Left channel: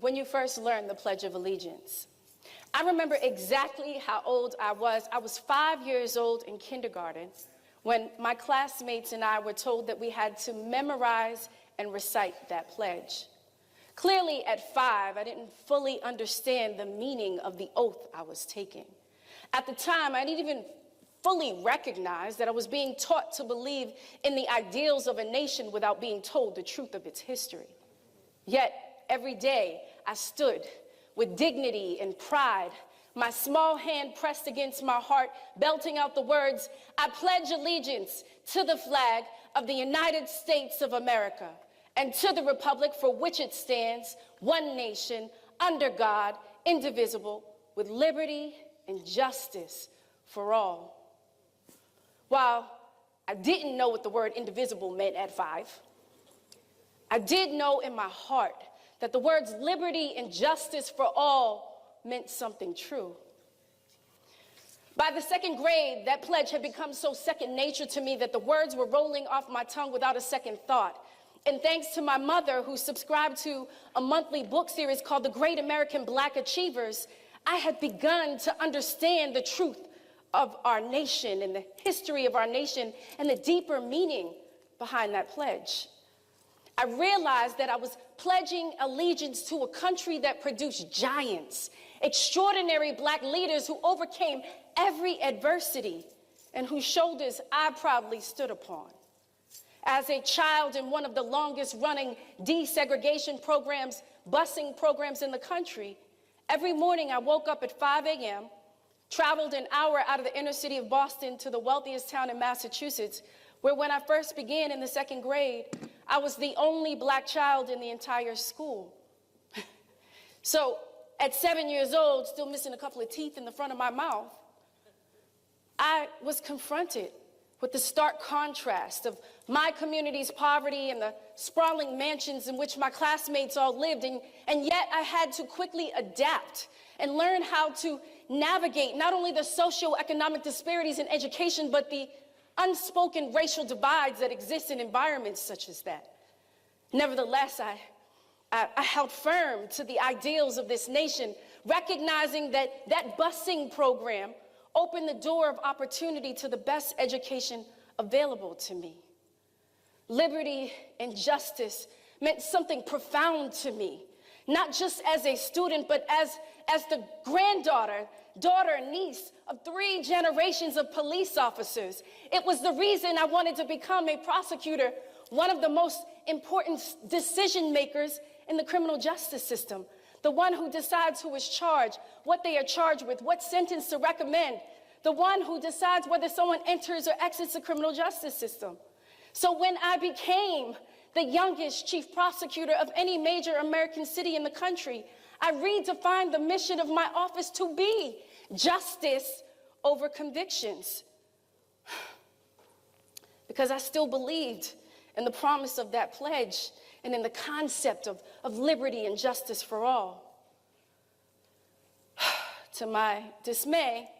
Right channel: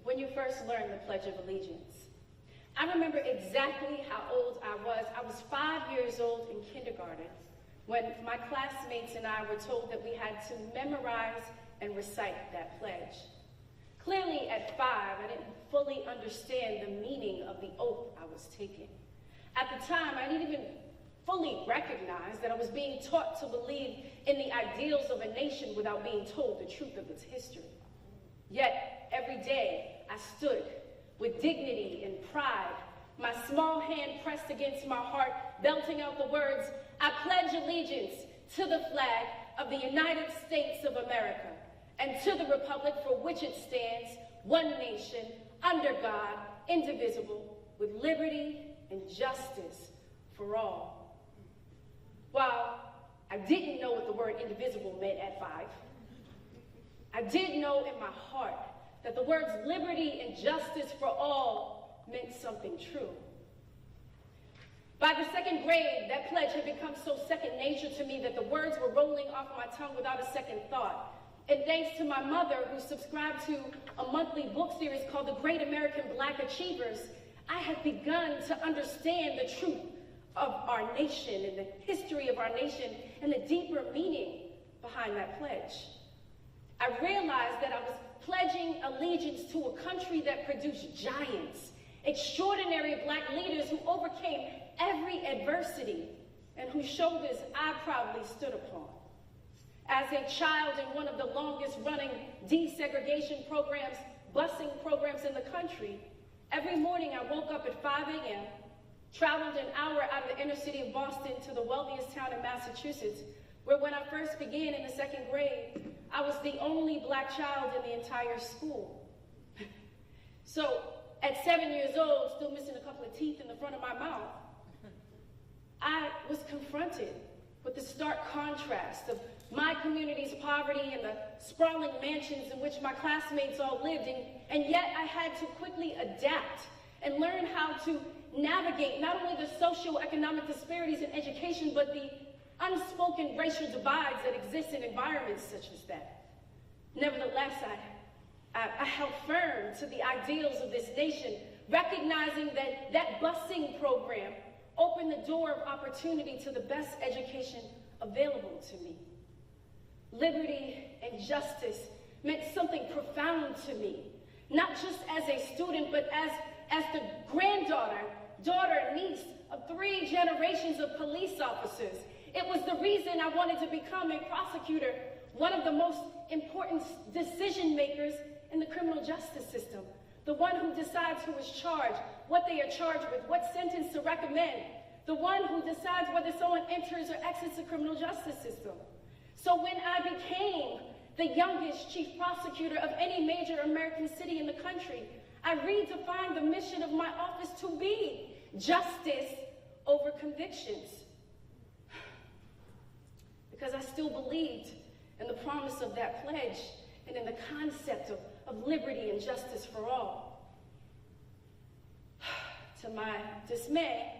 When you first learned the Pledge of Allegiance? I remember exactly how old I was. I was 5 years old in kindergarten when my classmates and I were told that we had to memorize and recite that pledge. Clearly at 5, I didn't fully understand the meaning of the oath I was taking. At the time, I didn't even fully recognize that I was being taught to believe in the ideals of a nation without being told the truth of its history. Yet, every day, I stood with dignity and pride, my small hand pressed against my heart, belting out the words, "I pledge allegiance to the flag of the United States of America and to the republic for which it stands, one nation, under God, indivisible, with liberty and justice for all." While I didn't know what the word indivisible meant at 5, I did know in my heart that the words liberty and justice for all meant something true. By the second grade, that pledge had become so second nature to me that the words were rolling off my tongue without a second thought. And thanks to my mother, who subscribed to a monthly book series called The Great American Black Achievers, I had begun to understand the truth of our nation and the history of our nation and the deeper meaning behind that pledge. I realized that I was pledging allegiance to a country that produced giants, extraordinary Black leaders who overcame every adversity and whose shoulders I proudly stood upon. As a child in one of the longest running desegregation programs, busing programs in the country, every morning I woke up at 5 a.m., traveled an hour out of the inner city of Boston to the wealthiest town in Massachusetts, where when I first began in the second grade, I was the only Black child in the entire school. So at 7 years old, still missing a couple of teeth in the front of my mouth, I was confronted with the stark contrast of my community's poverty and the sprawling mansions in which my classmates all lived, and yet I had to quickly adapt and learn how to navigate not only the socioeconomic disparities in education, but the unspoken racial divides that exist in environments such as that. Nevertheless, I held firm to the ideals of this nation, recognizing that that busing program opened the door of opportunity to the best education available to me. Liberty and justice meant something profound to me, not just as a student, but as the granddaughter, daughter, and niece of 3 generations of police officers. It was the reason I wanted to become a prosecutor, one of the most important decision makers in the criminal justice system, the one who decides who is charged, what they are charged with, what sentence to recommend, the one who decides whether someone enters or exits the criminal justice system. So when I became the youngest chief prosecutor of any major American city in the country, I redefined the mission of my office to be justice over convictions. Because I still believed in the promise of that pledge and in the concept of liberty and justice for all. To my dismay,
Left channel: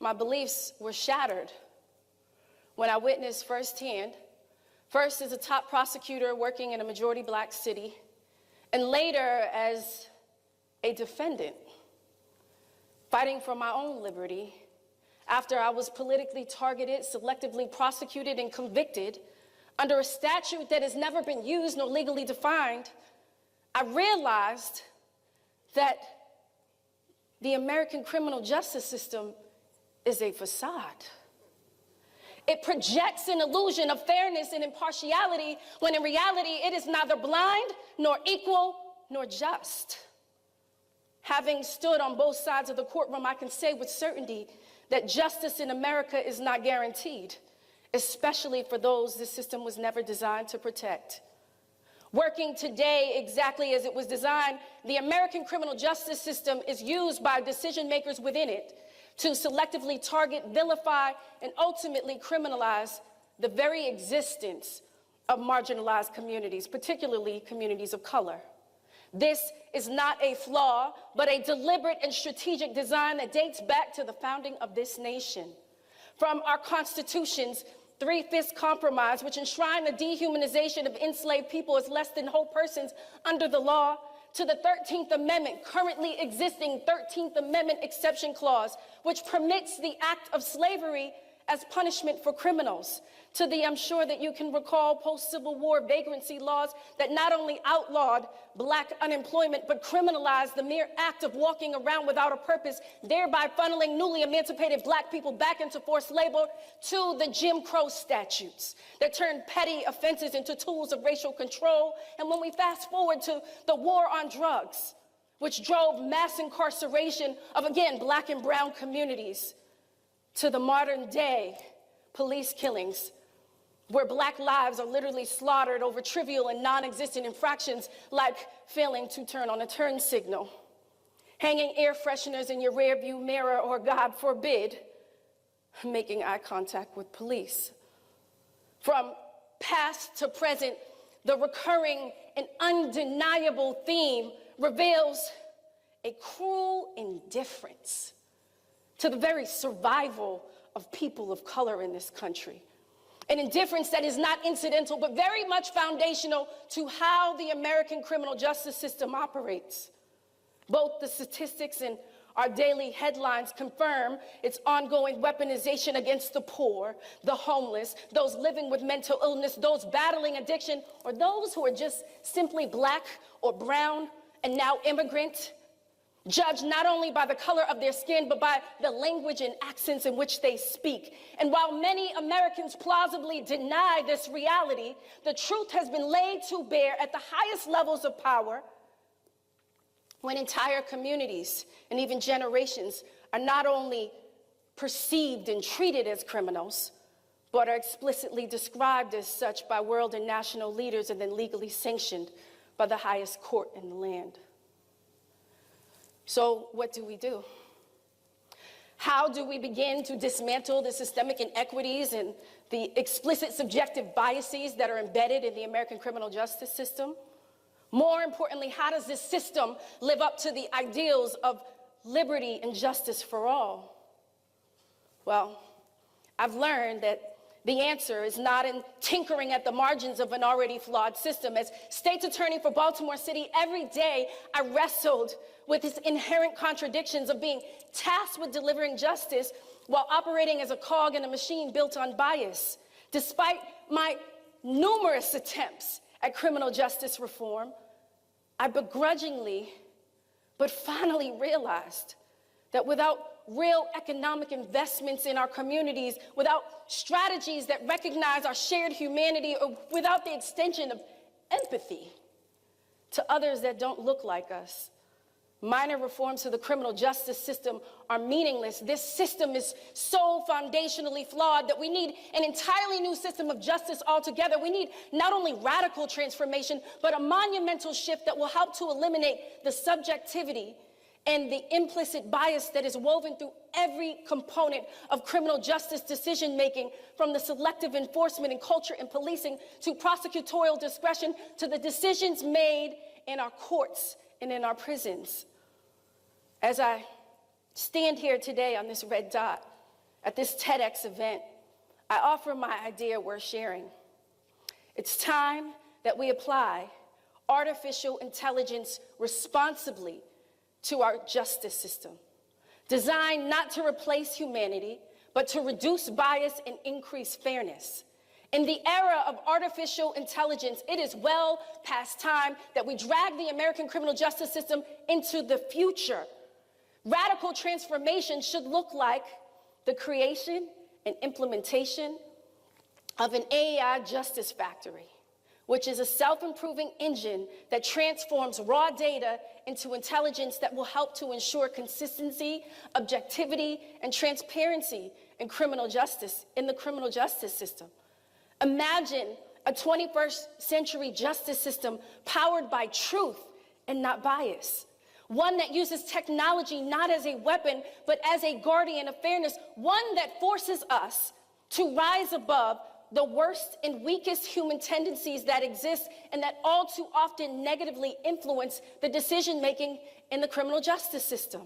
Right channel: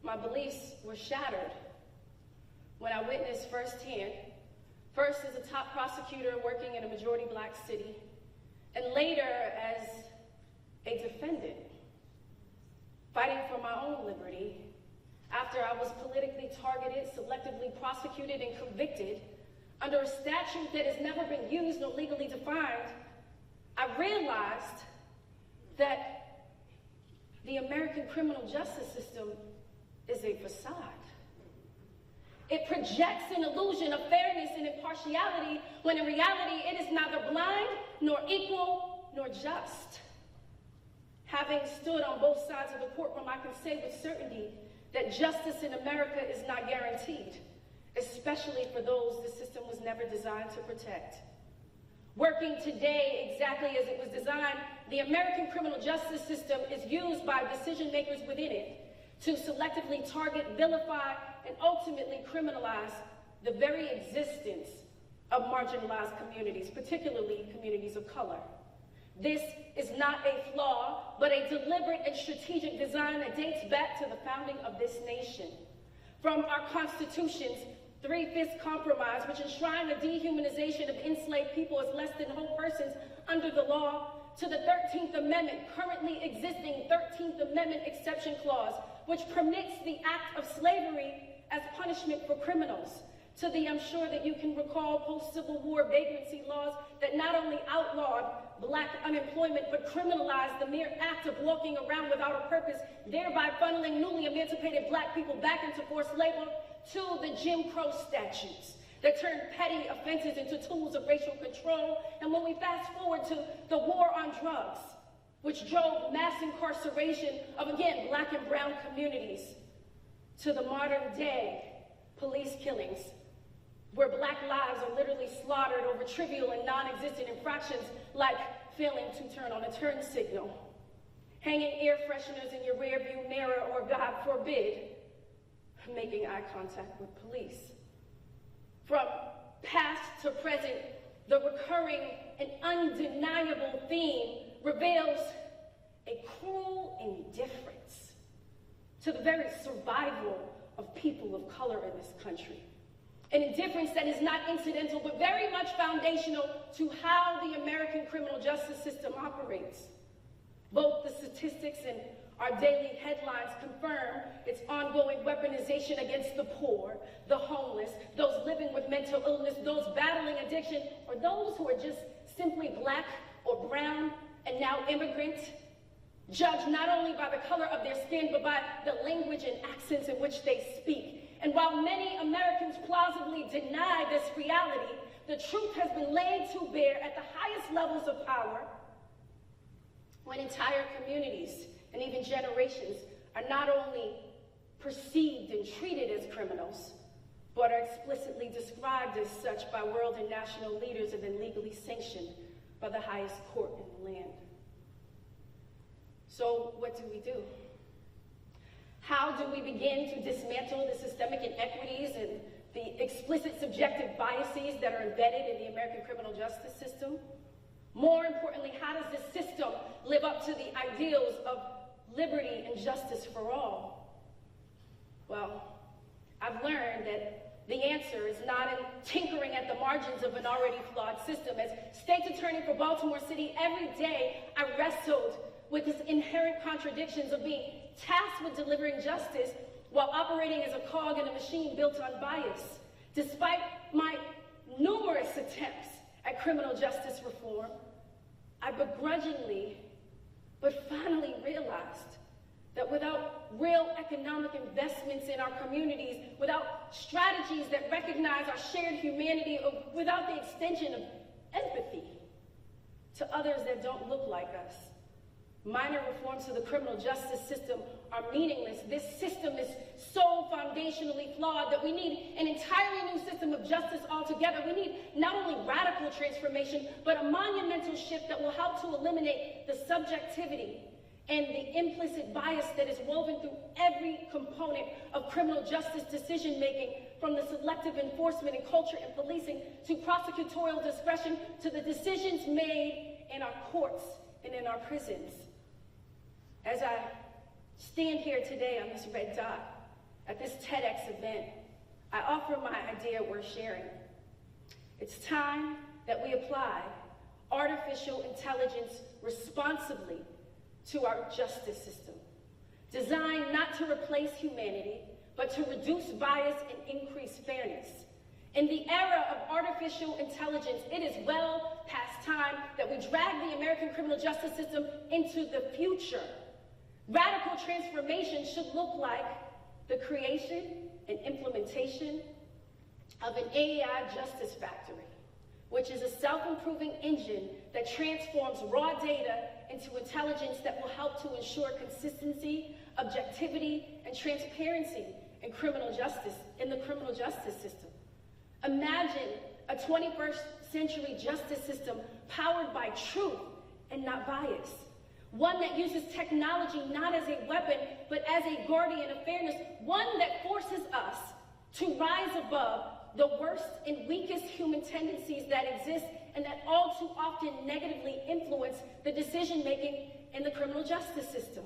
my beliefs were shattered when I witnessed firsthand, first as a top prosecutor working in a majority Black city, and later as a defendant, fighting for my own liberty after I was politically targeted, selectively prosecuted, and convicted under a statute that has never been used nor legally defined. I realized that the American criminal justice system is a facade. It projects an illusion of fairness and impartiality when in reality it is neither blind nor equal nor just. Having stood on both sides of the courtroom, I can say with certainty that justice in America is not guaranteed, especially for those this system was never designed to protect. Working today exactly as it was designed, the American criminal justice system is used by decision makers within it to selectively target, vilify, and ultimately criminalize the very existence of marginalized communities, particularly communities of color. This is not a flaw, but a deliberate and strategic design that dates back to the founding of this nation. From our Constitution's 3/5 compromise, which enshrined the dehumanization of enslaved people as less than whole persons under the law, to the 13th Amendment, currently existing 13th Amendment exception clause, which permits the act of slavery as punishment for criminals, to the, I'm sure that you can recall, post-Civil War vagrancy laws that not only outlawed black unemployment, but criminalized the mere act of walking around without a purpose, thereby funneling newly emancipated black people back into forced labor, to the Jim Crow statutes that turned petty offenses into tools of racial control. And when we fast forward to the war on drugs, which drove mass incarceration of, again, black and brown communities, to the modern day police killings, where black lives are literally slaughtered over trivial and non-existent infractions like failing to turn on a turn signal, hanging air fresheners in your rearview mirror, or God forbid, making eye contact with police. From past to present, the recurring and undeniable theme reveals a cruel indifference to the very survival of people of color in this country. An indifference that is not incidental, but very much foundational to how the American criminal justice system operates. Both the statistics and our daily headlines confirm its ongoing weaponization against the poor, the homeless, those living with mental illness, those battling addiction, or those who are just simply black or brown and now immigrant, judged not only by the color of their skin, but by the language and accents in which they speak. And while many Americans plausibly deny this reality, the truth has been laid to bear at the highest levels of power when entire communities and even generations are not only perceived and treated as criminals, but are explicitly described as such by world and national leaders and then legally sanctioned by the highest court in the land. So what do we do? How do we begin to dismantle the systemic inequities and the explicit subjective biases that are embedded in the American criminal justice system? More importantly, how does this system live up to the ideals of liberty and justice for all? Well, I've learned that the answer is not in tinkering at the margins of an already flawed system. As State's Attorney for Baltimore City, every day I wrestled with its inherent contradictions of being tasked with delivering justice while operating as a cog in a machine built on bias. Despite my numerous attempts at criminal justice reform, I begrudgingly but finally realized that without real economic investments in our communities, without strategies that recognize our shared humanity, or without the extension of empathy to others that don't look like us, minor reforms to the criminal justice system are meaningless. This system is so foundationally flawed that we need an entirely new system of justice altogether. We need not only radical transformation, but a monumental shift that will help to eliminate the subjectivity and the implicit bias that is woven through every component of criminal justice decision-making, from the selective enforcement and culture in policing to prosecutorial discretion to the decisions made in our courts and in our prisons. As I stand here today on this red dot at this TEDx event, I offer my idea worth sharing. It's time that we apply artificial intelligence responsibly to our justice system, designed not to replace humanity, but to reduce bias and increase fairness. In the era of artificial intelligence, it is well past time that we drag the American criminal justice system into the future. Radical transformation should look like the creation and implementation of an AI justice factory, which is a self-improving engine that transforms raw data into intelligence that will help to ensure consistency, objectivity, and transparency in the criminal justice system. Imagine a 21st century justice system powered by truth and not bias. One that uses technology not as a weapon, but as a guardian of fairness. One that forces us to rise above the worst and weakest human tendencies that exist and that all too often negatively influence the decision-making in the criminal justice system.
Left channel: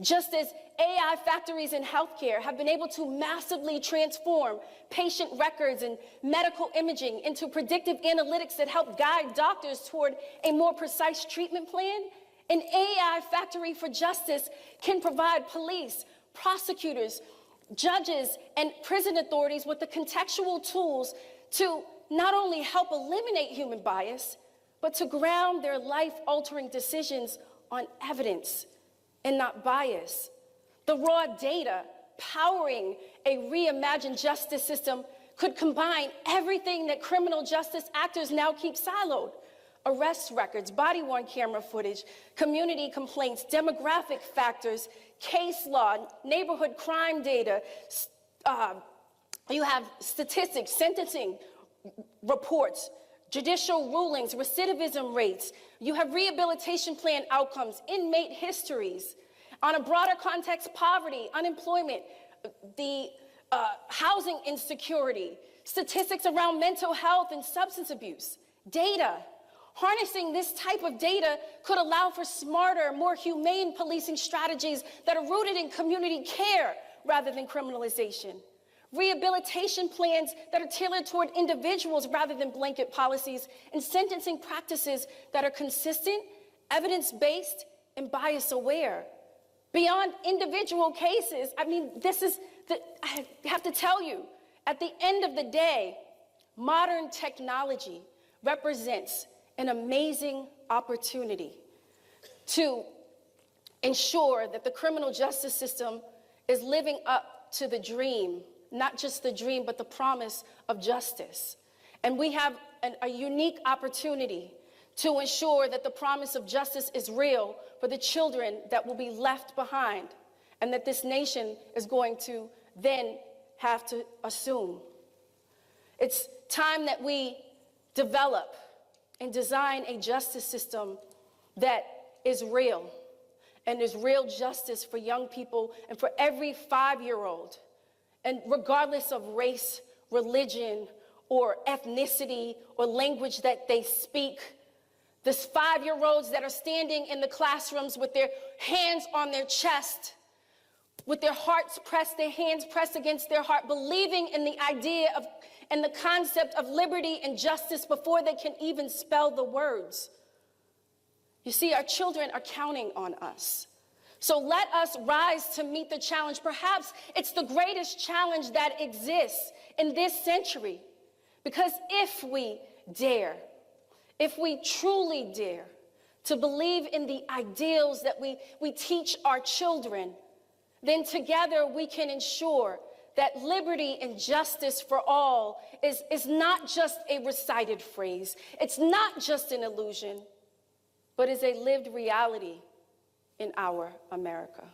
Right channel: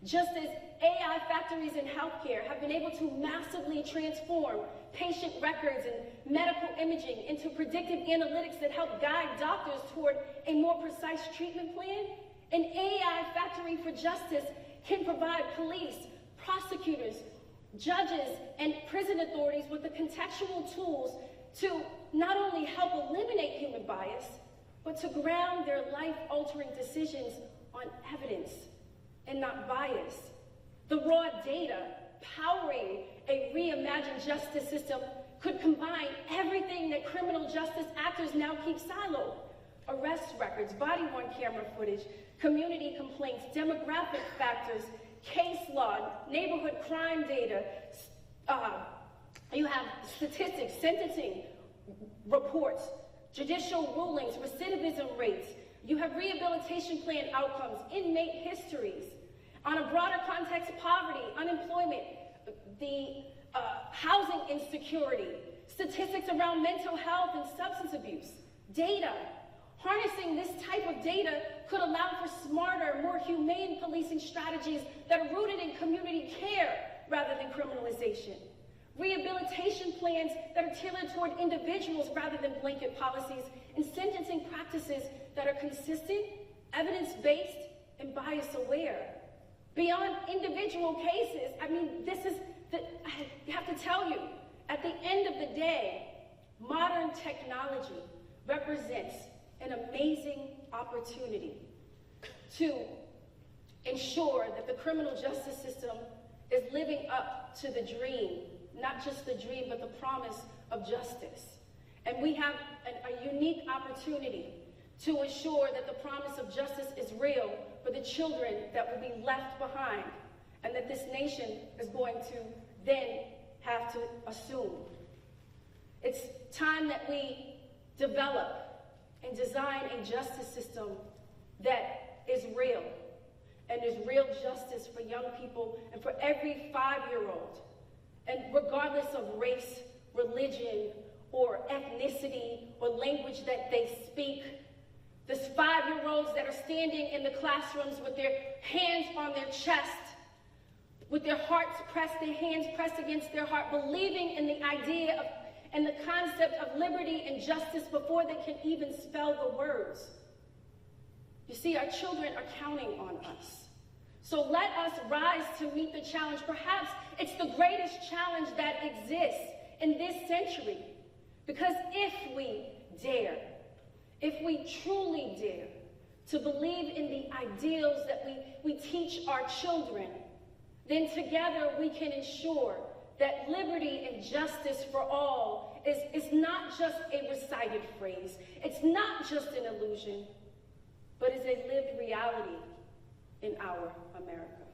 Just as AI factories in healthcare have been able to massively transform patient records and medical imaging into predictive analytics that help guide doctors toward a more precise treatment plan, an AI factory for justice can provide police, prosecutors, judges, and prison authorities with the contextual tools to not only help eliminate human bias, but to ground their life-altering decisions on evidence and not bias. The raw data powering a reimagined justice system could combine everything that criminal justice actors now keep siloed: arrest records, body-worn camera footage, community complaints, demographic factors, case law, neighborhood crime data. You have statistics, sentencing reports, judicial rulings, recidivism rates. You have rehabilitation plan outcomes, inmate histories. On a broader context, poverty, unemployment, the housing insecurity, statistics around mental health and substance abuse, data. Harnessing this type of data could allow for smarter, more humane policing strategies that are rooted in community care rather than criminalization. Rehabilitation plans that are tailored toward individuals rather than blanket policies, and sentencing practices that are consistent, evidence-based, and bias-aware. Beyond individual cases, I mean, I have to tell you, at the end of the day, modern technology represents an amazing opportunity to ensure that the criminal justice system is living up to the dream, not just the dream, but the promise of justice. And we have a unique opportunity to ensure that the promise of justice is real for the children that will be left behind and that this nation is going to then have to assume. It's time that we develop and design a justice system that is real, and is real justice for young people and for every 5-year-old, and regardless of race, religion, or ethnicity, or language that they speak. These 5-year-olds that are standing in the classrooms with their hands on their chest, with their hearts pressed, their hands pressed against their heart, believing in the idea of and the concept of liberty and justice before they can even spell the words. You see, our children are counting on us. So let us rise to meet the challenge. Perhaps it's the greatest challenge that exists in this century. Because if we dare, if we truly dare to believe in the ideals that we teach our children, then together we can ensure that liberty and justice for all is not just a recited phrase. It's not just an illusion, but is a lived reality in our America.